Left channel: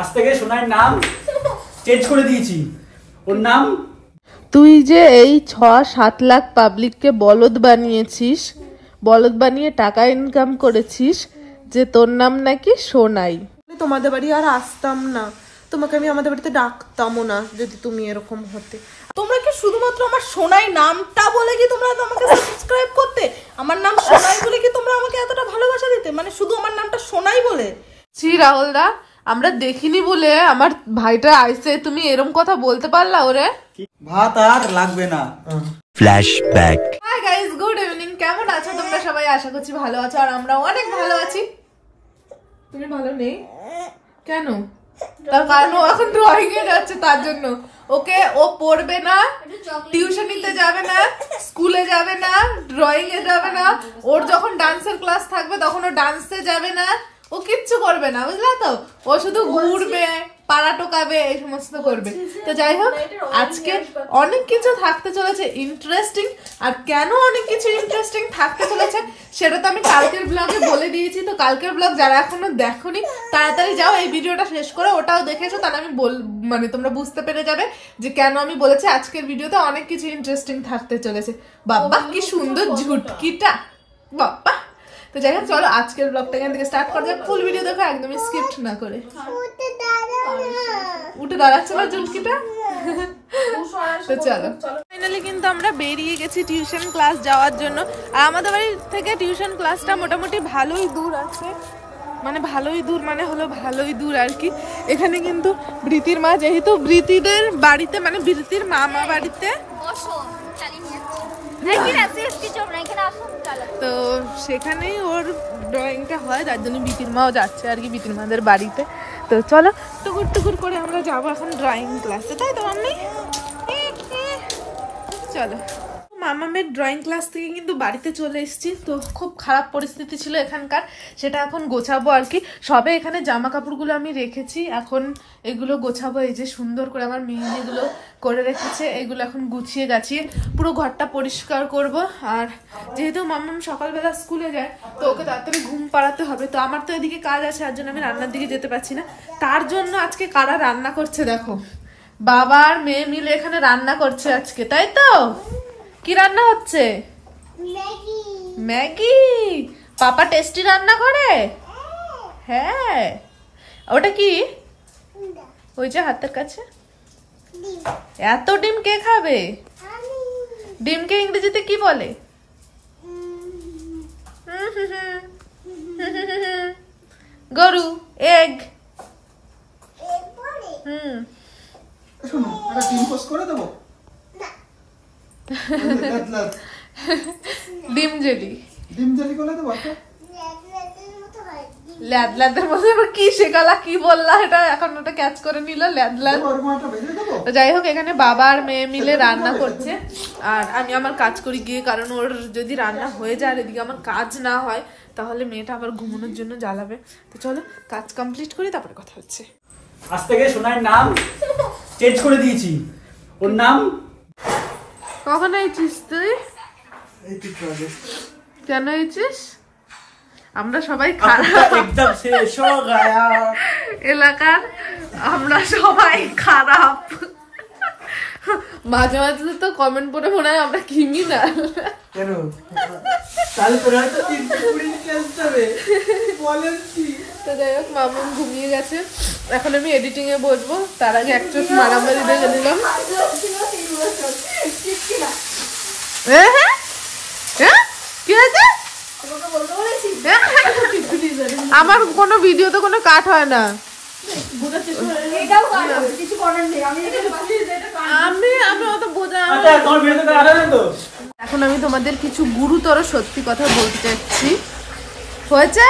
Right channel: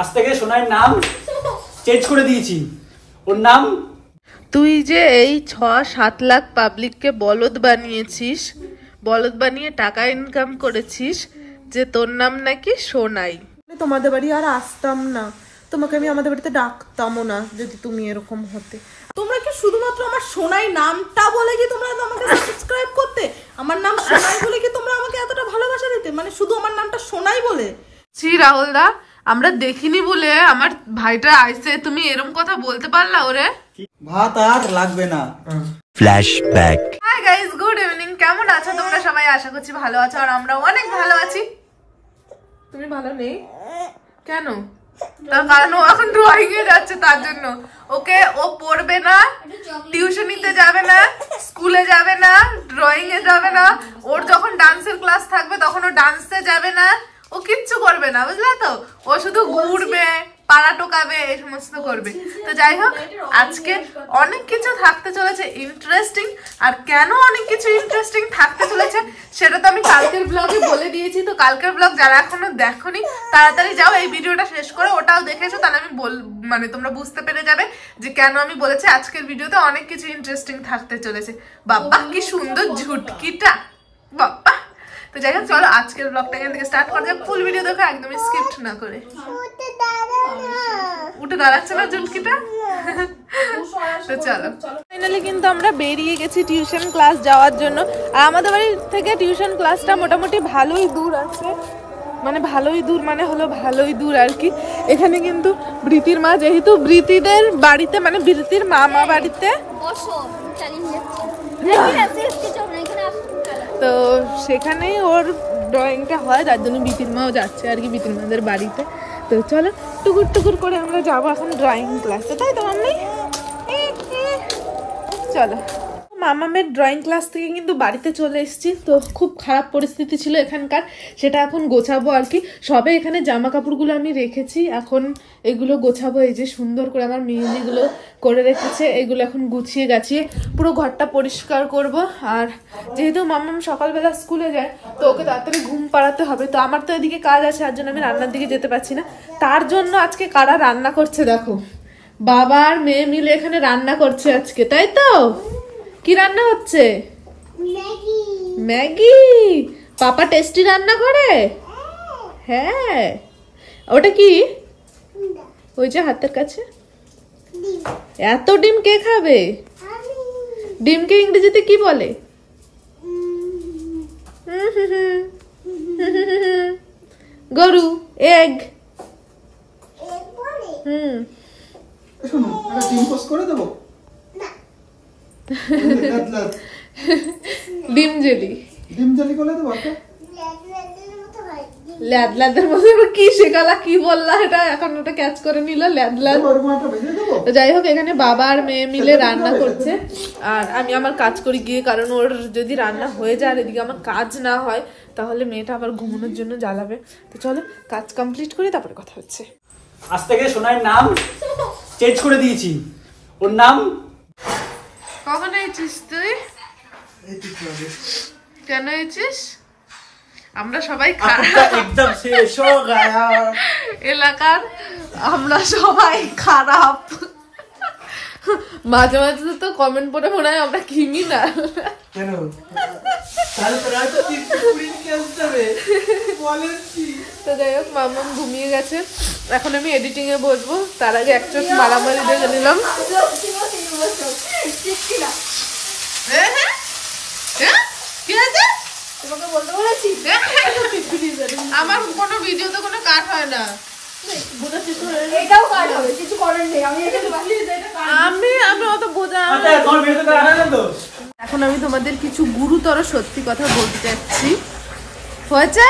আজ থেকে সোনার নাম চেঞ্জ করে দিয়েছি। ওর নাম তুই যে এই ৬-৭ লাখ পাবলিককে বলদ বানিয়েছিস, বলদ বানিয়ে টাকা ইনকাম করেছিস, যে তোর নাম নাকি সোনাই। তোমাদের বাড়ি আর আসতাম না, তোমাকে আমি আমাদের বাড়িতে ডাকতামও না যদি তুমি এরকম হতে। তোমরা কি শুধুমাত্র আমার সোনাই নামটা বলে কি তোমরা আমাকে সাবস্ক্রাইব করতে? আমার নাম সোনাই বলে কি তোমরা আমাকে এতটা ভালোবাসা দিতে? মানে শুধু আমার নামটা সোনাই বলে? ছি রাহুল দা, আমরা দেখিনি বলে আমার ভাইটা আইসে, তুমি এরকম কথা বলতে পারলা ওরে? ভাত আর লাগবে না। Flashback. Hi guys, good evening. কেমন আছো তোমরা সবাই? আশা করছি ভালো আছো, আর আমরা অনেক ভালো আছি। তুমি ভালো নেই কেন? তার কারণ ও এখন ড্রয়িং এ যাচ্ছে, তার জন্য। ওকে, ও পড়বে না, টিউশনিতে যাবে না, স্কুলে যাবে না, ড্রয়িং এ যাবে না। ওর যখন ডান্সের ক্লাস থাকবে তখন ও ডান্সে যাবে না, ও কিচ্ছু করবে না, বুঝলা তো? ও শুধু ঘুরবে, পাড়া টোকাবে, এই সমস্ত করবে। তো যাই হোক, আজকে অনেক কিছু থাকতে চলেছে ইন্টারেস্টিং। আর কেন অনেক কিছু ইন্টারেস্টিং থাকতে চলেছে সেটা তো আমি কালকের ব্লগে বলে দিয়েছি। তো কালকের ব্লগ যারা এখনো দেখোনি তাড়াতাড়ি যাও, এই ভিডিওটা শেষ করে ওটাও দেখেছো, তাহলে আমি মানে তোমরা বুঝতে পেরে যাবে যে কেন আমি বলেছি আজকের ভিডিওতে অনেক কিছু ইন্টারেস্টিং থাকতে চলেছে। বাবা কি সুন্দর ঝুটকিটা, বাবা। তো যাই হোক, চলো আজকের ব্লগটা এখান থেকে স্টার্ট করা যাক। ফুল ভিডিও দেখো, একদমই স্কিপ্ট না করে। উঠে দাঁড়াচ্ছে না ঝুটকিটা। তো চলো, ফাইনালি কিন্তু আমরা বেরিয়ে গেছি টিউশন ক্লাস যাওয়ার জন্য। আর আমাদের বাড়ি থেকে টিউশন ক্লাসটা মোটামুটি ভালোই দূর আছে, মানে ভালোই দূর মানে হলো ভালোই দূর আর কি। এখানে কিন্তু বৃতির মা, যেহেতু বৃতিদের বাড়িতে মানে বৃতির মামা বাড়িতে, তো সেখানেই ওর ড্রয়িংটা হয়, যার জন্য বিতির মাও যাচ্ছে আর কি, বিতির মাদের বাড়িতে। তো চলো টুকুর টুকুর করে আমরা যাবো এখন ড্রয়িং ক্লাসে, তাই তো মাম্মি? চলো। মামামের ড্রয়িং ক্লাস থেকে কিন্তু বাড়িতে চলে এসেছি। তো খুব খারাপ পরিস্থিতি ছিল এখানকার, সেটা এখন গোছাবো আর কি। সবে এখানে জামা কাপড়গুলো আমি রেখেছি, এখন এগুলো গোছাবো। এই যে সুন্দর করে আমার মেহেদিগুলো করে রেখেছে, এগুলো এখন গুছিয়ে গাছিয়ে পুরো ঘরটা পরিষ্কার করব। আর যেহেতু মামাম সকালবেলা স্কুলে যায়, তো ওকে তাড়াতাড়ি ঘুম পাড়াতে হবে। তো আমার তো এদিকে কাজ আছে, আর জন্য আমি রান্নার দিকে যেতে পারছি না। তার জন্য আজকে কারা রান্না করছে দেখো, বাবা আর মেয়ে মিলে এখানে রান্না করছে আজকে, তাই তো? কি রান্না হচ্ছে? ম্যাগি। পাপা টেস্টি রান্না করে? হ্যাঁ। ওটা কি? ওই যে হাতের কাছে এত ডিম কে খাবে? ডিমকে ইংরেজিতে কি বলে? গরু, এগ। ডিম জেলি। ডিম জেলি করে দেবো। ল্যাদ ল্যাদের মধ্যে কি শেখালা, কি বললা? এটা এখন ওটা ক্যাচ করে নিল, ল্যাদ ল্যাদ। তো যাই হোক, এখানে বাবা আর মেয়ে মিলে রান্না করছে, আর আমি আমার কাজ করি গিয়ে, কারণ ওর যদি রান্না হয়ে যায় আর এদিকে আমার কাজ না হয় তাহলে মেয়েটা আবার ঘুমানোর জন্য জ্বালাবে। তো চলো কাজ কমপ্লিট করি, তারপরে কথা হচ্ছে। আজ থেকে সোনার নাম চেঞ্জ করে দিয়েছি। ওর নাম কখন এসেছিস তুই? কেন এসেছিস? আমরা সবাই একদম শেষ হয়ে গয়া এলাকার, আমরা সবাই খারাপ। মাঝে মাঝে তো কমেন্ট পড়ে মনে হয় আমরা ক্রিমিনাল। কেন? তারপরে হয়তো 320 ক্লাস যাবে বলেন কি? তো যাই হোক, মামুন ঘুমিয়ে গেছে, এখন আমি এডিটিং এ বসবো। তার আগে এক চোট মারামারি দেখে নিলাম। কি আছে? আমার কোনো ভিডিওতে কোনো কাট হয় না। আমি অত বোঝা। এখন আমি তোমাদের কিছু গুরুতর সত্যি কথা বলতে চাচ্ছি। হয়েছে,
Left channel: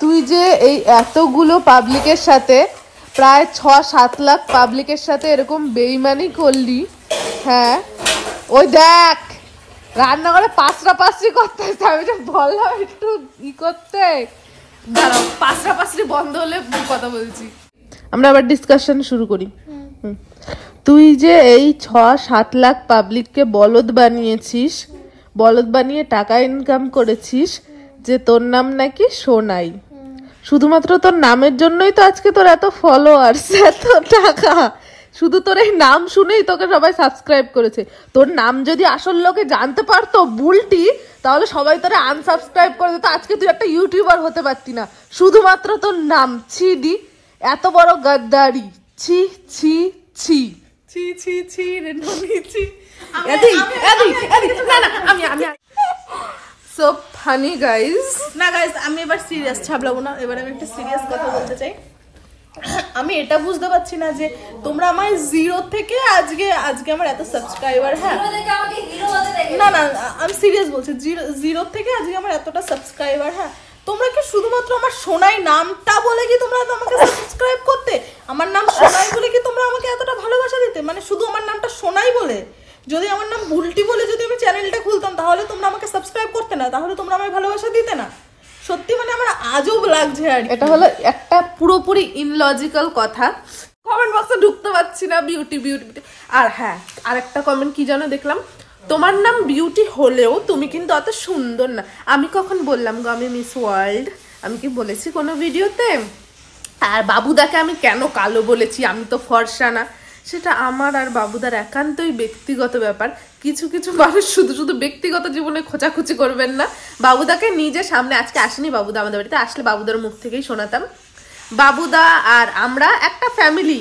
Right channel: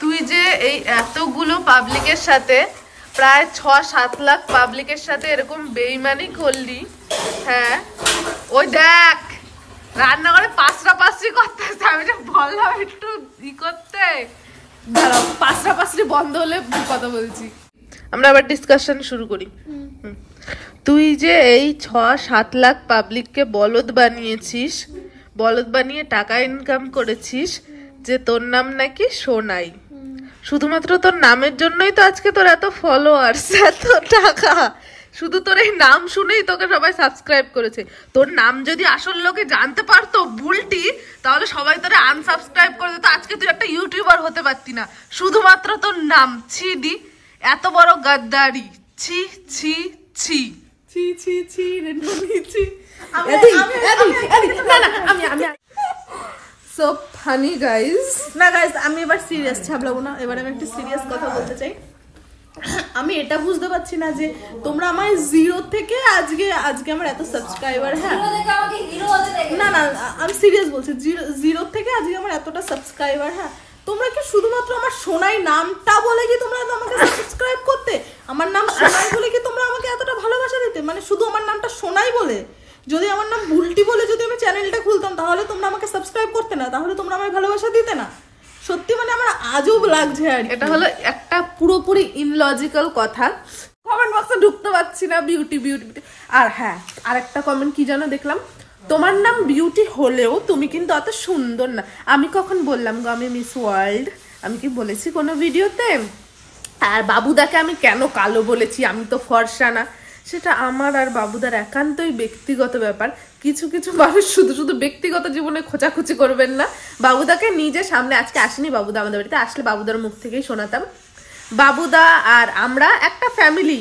তুই যে এই এতগুলো পাবলিকের সাথে, প্রায় ৬-৭ লাখ পাবলিকের সাথে এরকম বেইমানি করলি, হ্যাঁ? ওই দেখ রান্নাঘরে পাঁচড়ি করতে, আমি যে বললাম একটু ই করতে, দাঁড়াও পাঁচড়ি বন্ধ হলে কথা বলছি। আমরা আবার ডিসকাশন শুরু করি। তুই যে এই ৬-৭ লাখ পাবলিককে বলদ বানিয়েছিস, বলদ বানিয়ে টাকা ইনকাম করেছিস, যে তোর নাম নাকি সোনাই, শুধুমাত্র তোর নামের জন্যই তো আজকে তোর এত ফলোয়ার্স, এত টাকা, শুধু তোর এই নাম শুনেই তোকে সবাই সাবস্ক্রাইব করেছে। তোর নাম যদি আসল লোকে জানতে পারতো বুলটি, তাহলে সবাই তোরে আনসাবস্ক্রাইব করে দিত, আজকে তুই একটা ইউটিউবার হতে পারতি না। শুধুমাত্র তোর নাম, ছি দি, এত বড় গাদ্দারি, ছি ছি ছি ছি ছি ছি রে ননি ছি। না না আমি সো ফানি গাইস। না গাইস, আমি এবার সিরিয়াস ছাবলাবো না, এবার আমি একটা সিরিয়াস কথা বলতে চাই। আমি এটা বুঝতে পারছি না যে তোমরা আমায় 0 থেকে আজকে আমার এত সাবস্ক্রাইবার, হ্যাঁ না না আমি সিরিয়াস বলছি, 0 থেকে আজকে আমার এতটা সাবস্ক্রাইবার, হ্যাঁ তোমরা কি শুধুমাত্র আমার সোনাই নামটা বলে কি তোমরা আমাকে সাবস্ক্রাইব করতে? আমার নাম সোনাই বলে কি তোমরা আমাকে এতটা ভালোবাসা দিতে? মানে শুধু আমার নামটা সোনাই বলে? যদি আমার নাম বুলটি বলে যদি আমি চ্যানেলটা খুলতাম তাহলে তোমরা আমাকে সাবস্ক্রাইব করতে না? তাহলে তোমরা আমায় ভালোবাসা দিতে না? সত্যি মানে আমার আজব লাগছে। আর এটা হলো একটা পুরোপুরি ইনলজিক্যাল কথা। কমেন্ট বক্সে ঢুকতে পারছি না, বিউটি বিউটি বিউটি। আর হ্যাঁ, আরেকটা কমেন্ট কি যেন দেখলাম, তোমার নাম বিউটি হলেও তুমি কিন্তু অত সুন্দর না। আমি কখন বললাম গো আমি মিস ওয়ার্ল্ড? আমি কি বলেছি কোনো ভিডিওতে? আর বাবুদাকে আমি কেন কালো বলেছি, আমি তো ফর্সা না, সেটা আমার আর বাবুদার একান্তই ব্যক্তিগত ব্যাপার। কিছু কিছু মানুষ শুধু শুধু ব্যক্তিগত জীবনে খোঁচাখুচি করবেন না। বাবুদাকে নিজে সামনে, আজকে আসেনি বাবুদা আমাদের বাড়িতে, আসলে বাবুদার মুখ থেকেই শোনাতাম। বাবুদা আর আমরা একটা ফ্যামিলি,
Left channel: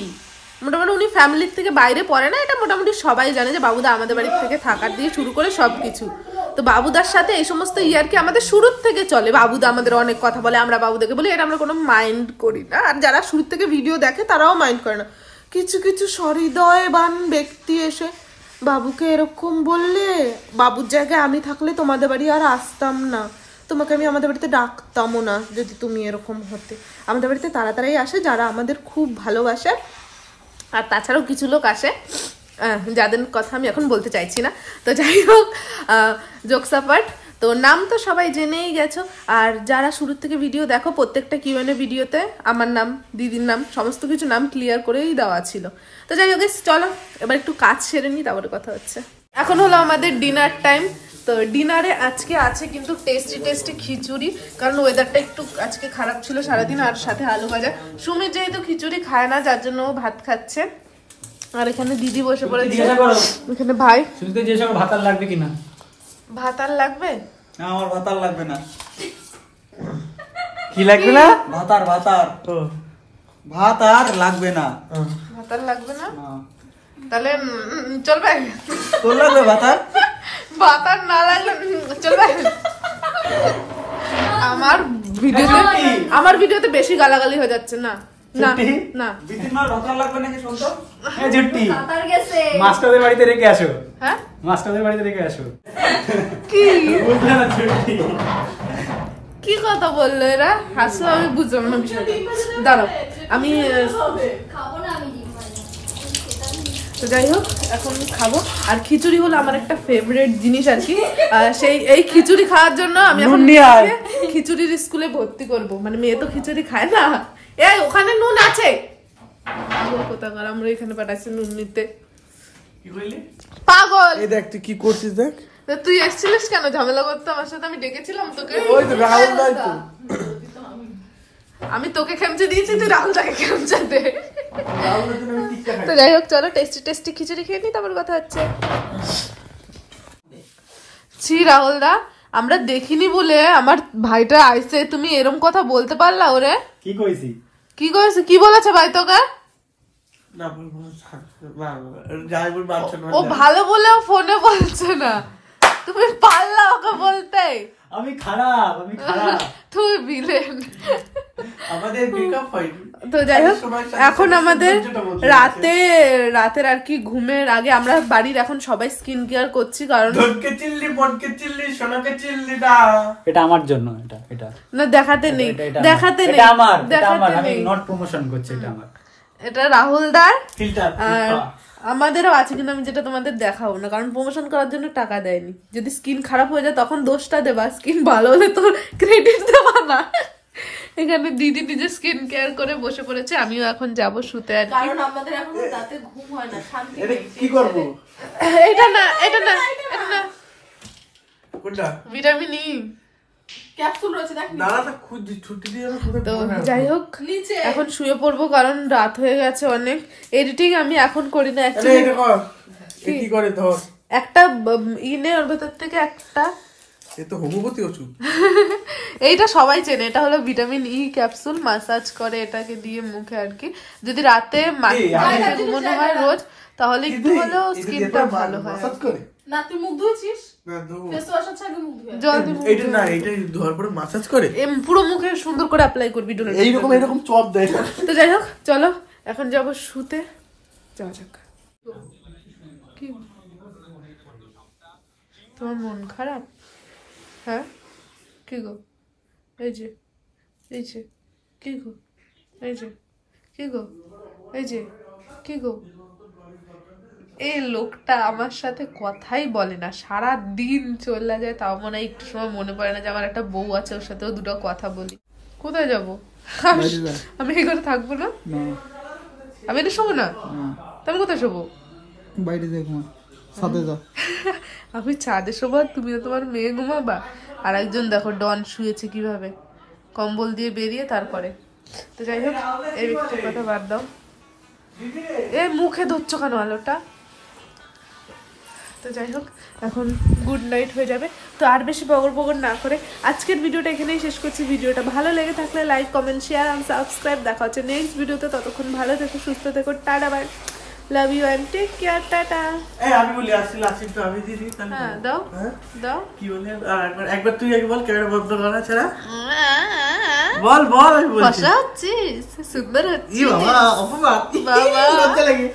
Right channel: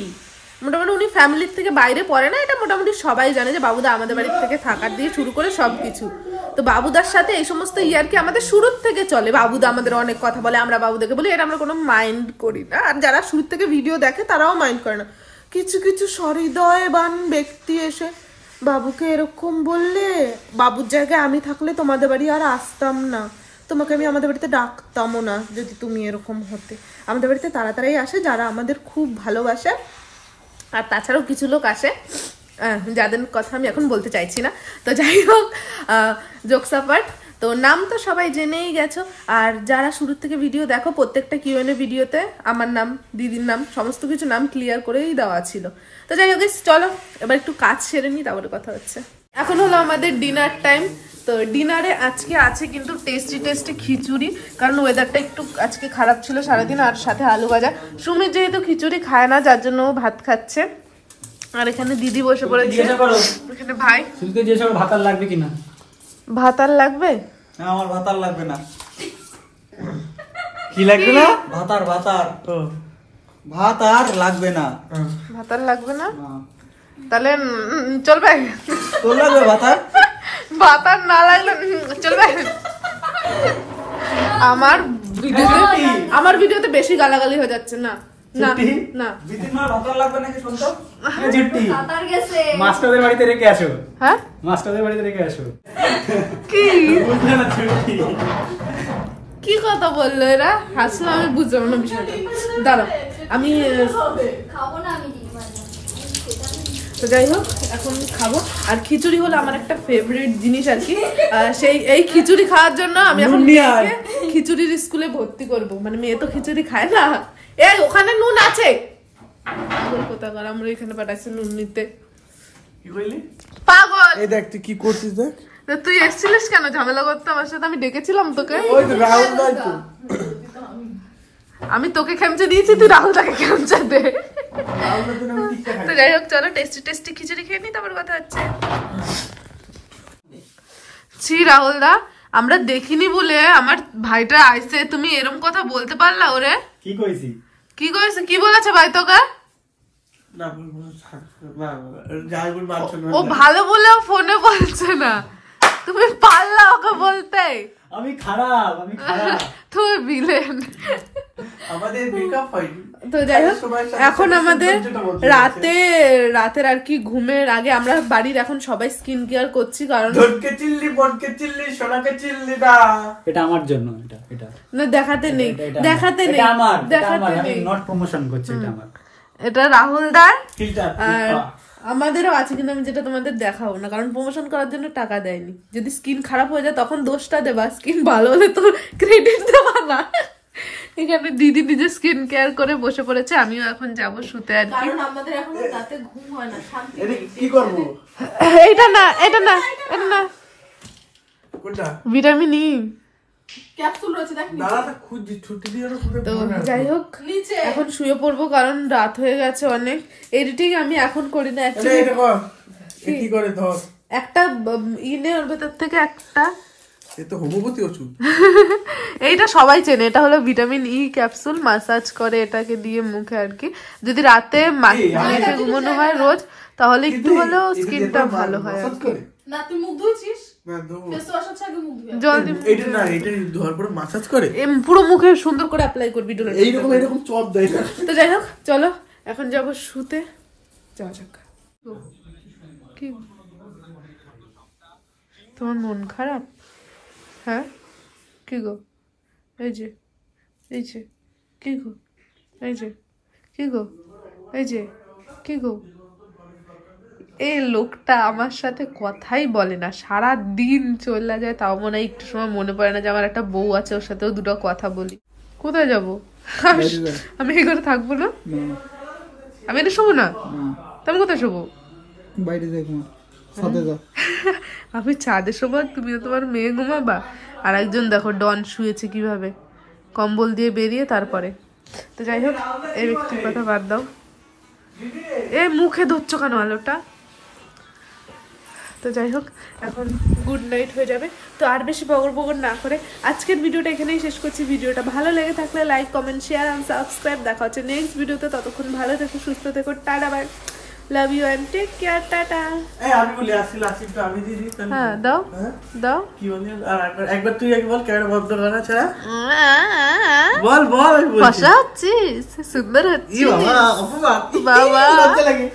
মোটামুটি উনি ফ্যামিলির থেকে বাইরে পড়ে না, এটা মোটামুটি সবাই জানে যে বাবুদা আমাদের বাড়ির থেকে থাকার দিয়ে শুরু করে সব কিছু। তো বাবুদার সাথে এই সমস্ত ইয়ারকি আমাদের শুরুর থেকে চলে। বাবুদা আমাদের অনেক কথা বলে, আমরা বাবুদাকে বলি, এটা আমরা কোনো মাইন্ড করি না। আর যারা শুরুর থেকে ভিডিও দেখে তারাও মাইন্ড করে না। কিছু কিছু সহৃদয়বান ব্যক্তি এসে বাবুকে এরকম বললে, বাবুর জায়গায় আমি থাকলে তোমাদের বাড়ি আর আসতাম না, তোমাকে আমি আমাদের বাড়িতে ডাকতামও না যদি তুমি এরকম হতে। আমাদের বাড়িতে তাড়াতাড়ি আসে যারা আমাদের খুব ভালোবাসে, আর তাছাড়াও কিছু লোক আসে যাদের কথা আমি এখন বলতে চাইছি না। তো যাই হোক, জোকস অ্যাপার্ট, তো নাম তো সবাই জেনেই গেছো। আর যারা শুরু থেকে ভিডিও দেখো, প্রত্যেকটা কিউএনএ ভিডিওতে আমার নাম, দিদির নাম, সমস্ত কিছু নাম ক্লিয়ার করেই দেওয়া ছিল। তো যাই হোক, চলো এবার একটু কাজ সেরে নিই, তারপরে কথা হচ্ছে। এখন হলো আমাদের ডিনার টাইম। তো ডিনারে আজকে আছে কিন্তু টেস্টি টেস্টি খিচুড়ি, কারণ ওয়েদারটা একটু আজকে খারাপ ছিল সারাদিন, আর সাথে আলু ভাজা। সুমির যেহেতু খিচুড়ি খায় না, যার জন্য ও ভাত খাচ্ছে। আর এখানে দিদি বসে পড়েছে, এখানে ভাই। শুনতে যে সব ভাত আর লাগবে কিনা? ভাত আর লাগবে না, আমার ভাত আর লাগবে না। কি লাগবে না? ভাত আর ভাত আর লাগবে না। ভাত আর লাগবে না, তাহলে চলবে? তোর লাগবে ভাত আর? ভাত আর না লাগলে চলবে? আমার ভিডিওতে বেশি গালাগালি হয়ে যাচ্ছে। না না না, বিদিনমার ভাত আর লাগবে নাকি শুনতো? এই জুটি মাস্টারদের বাড়িতে রেখে আসো। হ্যাঁ, মাস্টারদের বাড়িতে রেখে আসো। কি বুঝলে না জুটি? কি কথা বললো এরা? হাসলো, আমি বুঝলাম না বিষয়টা। দাঁড়াও, আমি তো যাই হোক এখন খাবো। আর খিচুড়ি হলো আমার একটা ফেভারিট জিনিস আর কি। সেই এই খিচুড়ি খাওয়ার জন্য আমি এখন খিচুড়ির স্কুলে ভর্তি করব। মানে মেয়ে তো খিচুড়ি খায় না। এই ওখানে নুন আছে, পাগল কোথাকার, আমরা এখানে পাঠাচ্ছি নুন নিতে। কি কইলি? পাগল। এই দেখ তুই কি করছিস দেখ। তো তুই এসেছিলিস কেন ঝামেলা করতে আমার সাথে? আমি ডেকেছিলাম তোকে। ওই তো রাহুল দাই তো। আমি তোকে খেমচে দিয়েছি, তুই রাহুলটাকে খেমচে দে। তো যাই হোক, চলো টেস্টি টেস্টি খিচুড়ি খেয়ে নি, তারপর কথা হচ্ছে। ছি রাহুল দা, আমরা দেখিনি বলে আমার ভাইটা আইছে, তুমি এরম কথা বলতে পারলা ওরে? কি কইছি? কি কইছি? কি বলেছে ভাই তোকে? ও ভালো বলেও ফোনে বলছে না, তুমি পারলা ওকে বলতে? আমি খারাপ, আমি খারাপ। তুই ভিলেন। আমাদের ব্রেকআপ হয়নি। তো যাই হোক, এখন আমাদের রাতের আর কি ঘুমের আগে আমরা বাড়ির এখন সবাই স্কিন কেয়ার করছি, কারণ ধনকে চিল্লি, বনকে চিল্লি, সোনাকে চিল্লি না। এটা আমার জন্য, এটা না দেখাতে নেই, দেখাতে নেই, এটা আমার, দেখাতে আমি নেই। নট প্রমোশন করছি, এটা আমার। এটা রাহুল দার, ফিল্টার। আর আমাদেরও আছে, কিন্তু আমি যেটা তোমাদের দেখাবো না, কারণ প্রমোশন করার জন্য টাকা দেয়নি। যদি স্কিন খারাপ হয়ে যায় তখন দোষটা দেবা, স্কিন ভালো হলে তো ক্রেডিট দেবা না। এখানে দিদি নিজে স্কিন কেয়ার করে বসে পড়েছে, আমিও এখন যাব শুতে আর কি। কারণ আমাদের এখন রাতে ঘুম হয় না, শান্তি নেই। কি করব? এটা না, এটা না, এটা না, কোনটা? Vitamin E. ক্যাপসুল রয়েছে দেখ দাঁড়াটা খুঁজছি ছুটি দিয়ে আমি কোথায় তো পড়ে আছি। যাই হোক নিচে এখন শুয়ে পড়বো কারণ রাত হয়ে গেছে অনেক। এডিটিং আমি এখন করি না আরে অ্যাকচুয়ালি। এটা কর কি করে ধর একটা ইনে ওর ভেতর থেকে একটা এ তো হোমিওপ্যাথি ওষুধ এইটা সবাই চেনে, এটা হলো ভিটামিন ই ক্যাপসুল, মাসাজ করে এটাকে দিয়ে মুখে আর কি। যদি রাতে মুখে ঘুমানো হয় রোজ তাহলে একটু হলেও স্কিনটা ভালো হয় আর কি। না তুই মুখ ধুয়েছিস না ধোবো। ফেস ওয়াশ হচ্ছে আগে মুখ ধুয়ে জল দিয়ে এটা না এটা ধোয়ার পরে মাসাজ করে পুরো মুখে সুন্দর করে অ্যাপ্লাই করবি ডোলে। এইরকম চপ দেয় তো যাই হোক চলো এখন যাবো শুতে, যাওয়া যাক। কি তোমার মন খারাপ? হ্যাঁ কি গো? এই যে কি গো? এই যে কি গো? এই যে কি গো? এই লোকটা আমার সাথে কথাই বলে না, সারা দিন চলে যায়, তাও মনে হয় একটু সময় মনে পড়ে না যে আমার একটা বউ আছে, ওর সাথেও দুটো কথা বলি। কোথায় যাবো? আমি এই ঘরে থাকবো না, আমি এটা শোবো না, আমি কোথায় শোবো? বাইরে দেখো সাথে যাও আমি ছাদে শোবো, তুমি তোমার মেয়ে ঘুমাবা। আর একজন দেখো ডন শুয়েছে কিভাবে, কম্বল দিয়ে বেরিয়ে তারপরে। তো যাই হোক এই ব্যক্তির কথা বাদ দাও, এ মুখে ধরছো কেন আলোটা? তো যাই হোক এখন গুড নাইট হয়ে যাবে। তো আর বেশি বগর বগর না করে আজকের ভিডিওটা এখানেই শেষ করছি। ভিডিওটা ভালো লেগে থাকলে like comment share and subscribe. দেখা হচ্ছে নেক্সট ভিডিওতে, ততক্ষণ ভালো থেকো সুস্থ থেকো, tata bye, love you and take care, tata. আমি বলি আসলে আসিফটা আমি দিয়ে দিই তাহলে। হ্যাঁ দাও দাও। কি বলি আর একবার তুই আগে বল ক্যামেরা বন্ধ করা ছাড়া বল আমি বলছি বসা হচ্ছিস, সুন্দর ই হচ্ছিস বাবা অপবাদ বাবা। লজ্জা লাগে